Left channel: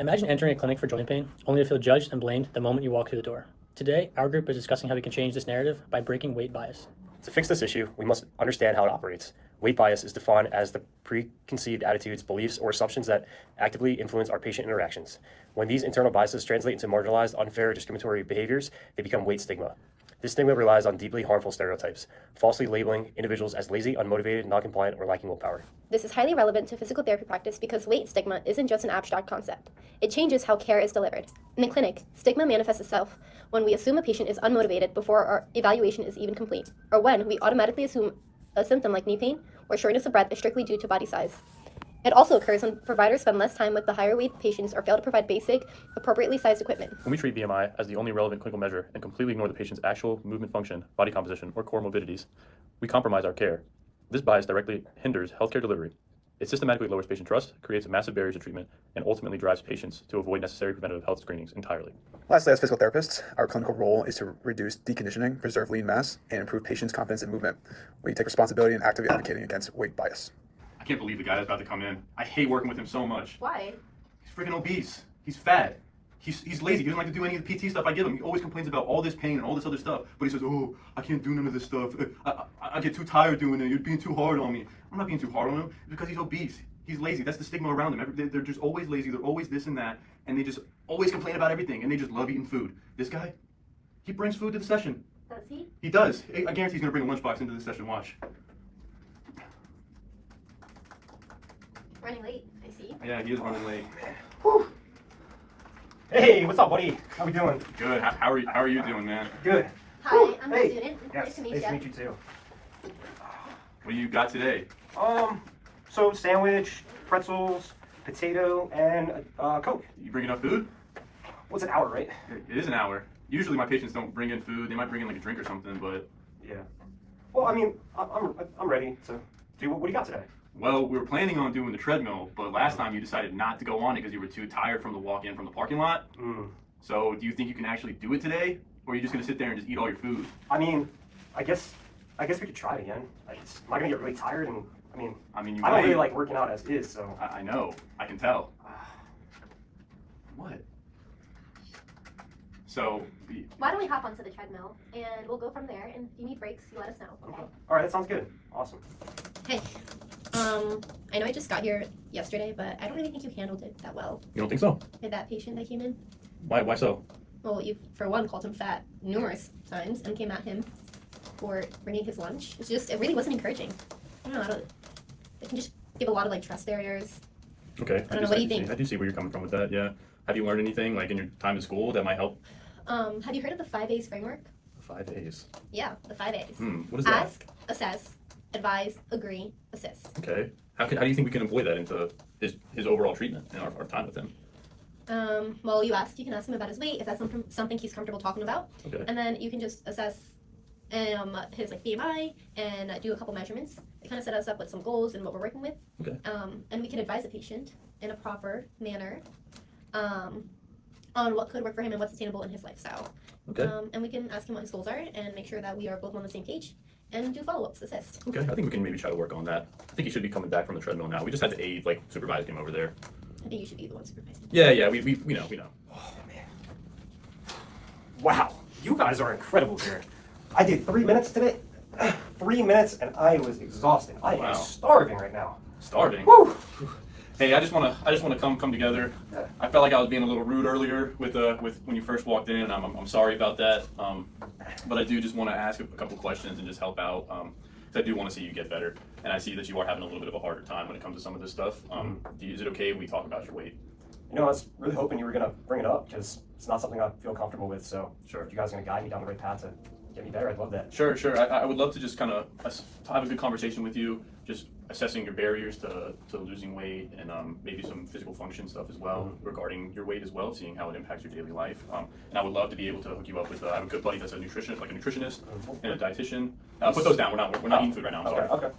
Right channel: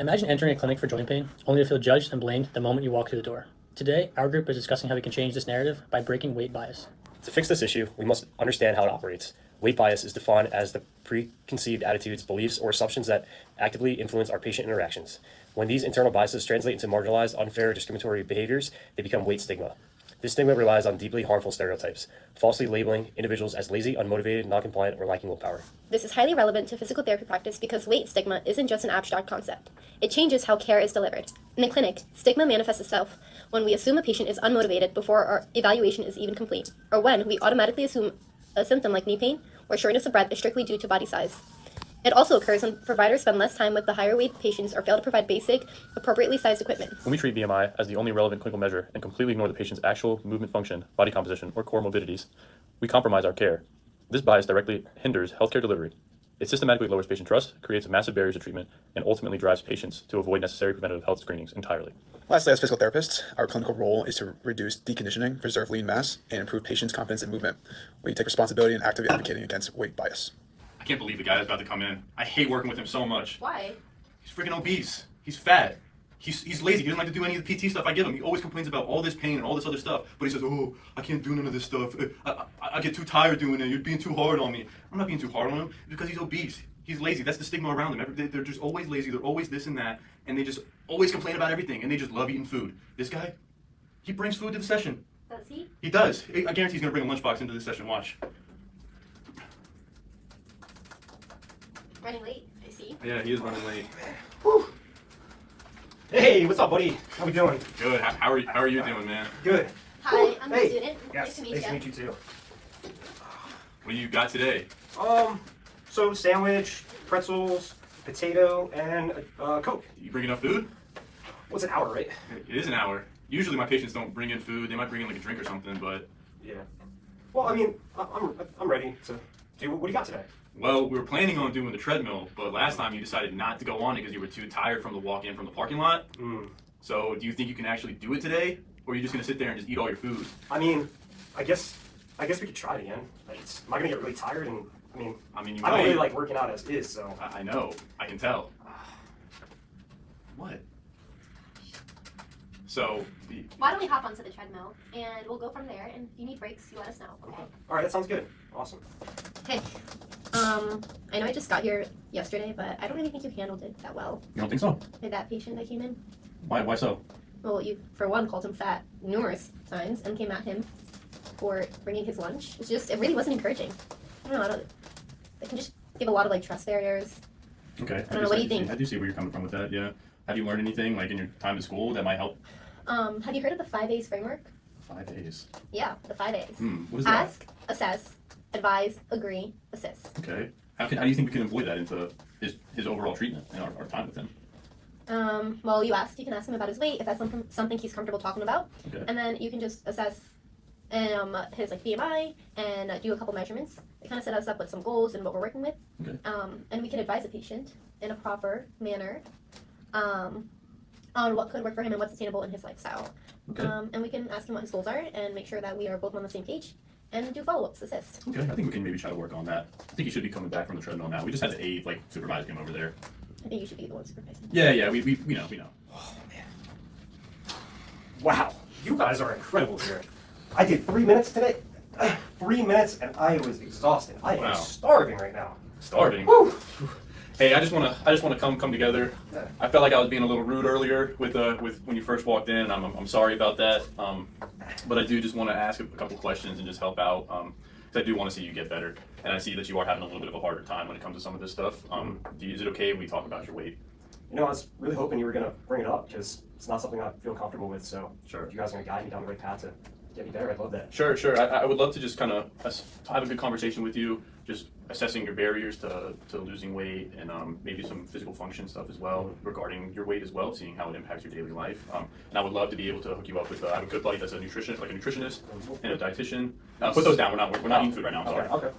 Imagine entering a clinic for joint pain, only to feel judged and blamed the moment you walk through the door. Today, our group is discussing how we can change this narrative by breaking weight bias. To fix this issue, we must understand how it operates. Weight bias is defined as the preconceived attitudes, beliefs, or assumptions that actively influence our patient interactions. When these internal biases translate into marginalized, unfair, discriminatory behaviors, they become weight stigma. This stigma relies on deeply harmful stereotypes, falsely labeling individuals as lazy, unmotivated, non-compliant, or lacking willpower. This is highly relevant to physical therapy practice because weight stigma isn't just an abstract concept. It changes how care is delivered. In the clinic, stigma manifests itself when we assume a patient is unmotivated before our evaluation is even complete, or when we automatically assume a symptom like knee pain or shortness of breath is strictly due to body size. It also occurs when providers spend less time with the higher weight patients or fail to provide basic, appropriately sized equipment. When we treat BMI as the only relevant clinical measure and completely ignore the patient's actual movement function, body composition, or core morbidities, we compromise our care. This bias directly hinders healthcare delivery. It systematically lowers patient trust, creates massive barriers to treatment, and ultimately drives patients to avoid necessary preventative health screenings entirely. Lastly, as physical therapists, our clinical role is to reduce deconditioning, preserve lean mass, and improve patients' confidence in movement. We take responsibility in actively advocating against weight bias. I can't believe the guy that's about to come in. I hate working with him so much. Why? He's freaking obese. He's fat. He's lazy. He doesn't like to do any of the PT stuff I give him. He always complains about all this pain and all this other stuff. But he says, oh, I can't do none of this stuff. I get too tired doing it. You're being too hard on me. I'm not being too hard on him because he's obese. He's lazy. That's the stigma around them. They're just always lazy. They're always this and that. And they just always complain about everything. And they just love eating food. This guy, he brings food to the session. Does he? He does. I guarantee he's going to bring a lunchbox into the session. Watch. Running late, I see. Yeah, he is running late. Whew. Hey, what's up, buddy? How we doing? Good. How are you doing, man? Good. Hi, I'm Hey. a student. Yes, Nice to meet nice you. to meet you too. What do you got today? So sandwich, pretzels, potato, and Coke. You bring enough food? What's an hour, right? It is an hour. Usually my patients don't bring in food. They might bring in like a drink or something, but Yeah. Well, I mean, I'm ready to do. What do you got today? well, we were planning on doing the treadmill, but last time you decided not to go on it because you were too tired from the walk in from the parking lot. So do you think you can actually do it today, or are you just gonna sit there and just eat all your food? I mean, I guess we could try it again. Am I gonna get really tired? And I mean, you I don't might. really like working out as is, so. I know. I can tell. What? So, Why don't we hop onto the treadmill and we'll go from there, and if you need breaks, you let us know, okay? All right, that sounds good. Awesome. Hey, I know I just got here yesterday, but I don't really think you handled it that well. You don't think so? With that patient that came in. Why so? Well, you, for one, called him fat numerous times and came at him for bringing his lunch. It really wasn't encouraging. I don't know, it can just give a lot of, like, trust barriers. Okay. I don't know, what do you think? I do see where you're coming from with that, yeah. Have you learned anything, like, in your time at school that might help? Have you heard of the 5 A's framework? 5 days. Yeah, the 5 A's. What is that? Ask, assess, advise, agree, assist. Okay. How do you think we can employ that into his overall treatment and our time with him? Well, you can ask him about his weight, if that's something he's comfortable talking about. Okay. And then you can just assess his like BMI and do a couple measurements. It kind of set us up with some goals and what we're working with. Okay. And we can advise the patient in a proper manner on what could work for him and what's attainable in his lifestyle. Okay. And we can ask him what his goals are and make sure that we are both on the same page and do follow-ups, assist. Okay, I think we can maybe try to work on that. I think he should be coming back from the treadmill now. We just had to aid, like, supervise him over there. I think you should be the one supervising. Yeah, we know. Oh man. Wow, you guys are incredible here. I did 3 minutes today. 3 minutes, and I was exhausted. I Wow. am starving right now. Starving. Whew. Hey, I just wanna come together. I felt like I was being a little rude earlier with when you first walked in. I'm sorry about that. But I do just want to ask a couple questions and just help out. 'Cause I do want to see you get better, and I see that you are having a little bit of a harder time when it comes to some of this stuff. Is it okay if we talk about your weight? You know, I was really hoping you were gonna bring it up because it's not something I feel comfortable with. So, Sure. if you guys are gonna guide me down the right path to get me better, I'd love that. Sure. I would love to just kind of have a good conversation with you, just assessing your barriers to losing weight and maybe some physical function stuff as well regarding your weight as well, seeing how it impacts your daily life. And I would love to be able to hook you up with I have a good buddy that's a nutritionist and a dietitian. Put those down. We're not eating food right now. I'm sorry. Okay.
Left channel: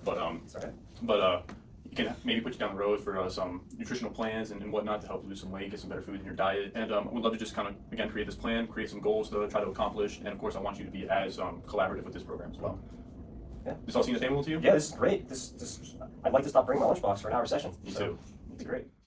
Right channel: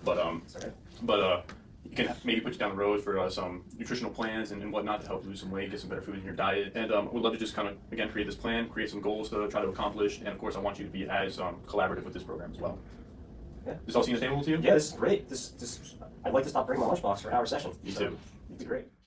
But you can maybe put you down the road for some nutritional plans and whatnot to help lose some weight, get some better food in your diet. And I would love to just kind of, again, create this plan, create some goals to try to accomplish. And of course, I want you to be as collaborative with this program as well. Yeah. This all seem attainable to you? Yeah, this is great. I'd like to stop bringing my lunchbox for an hour session. Me too. It'd be great.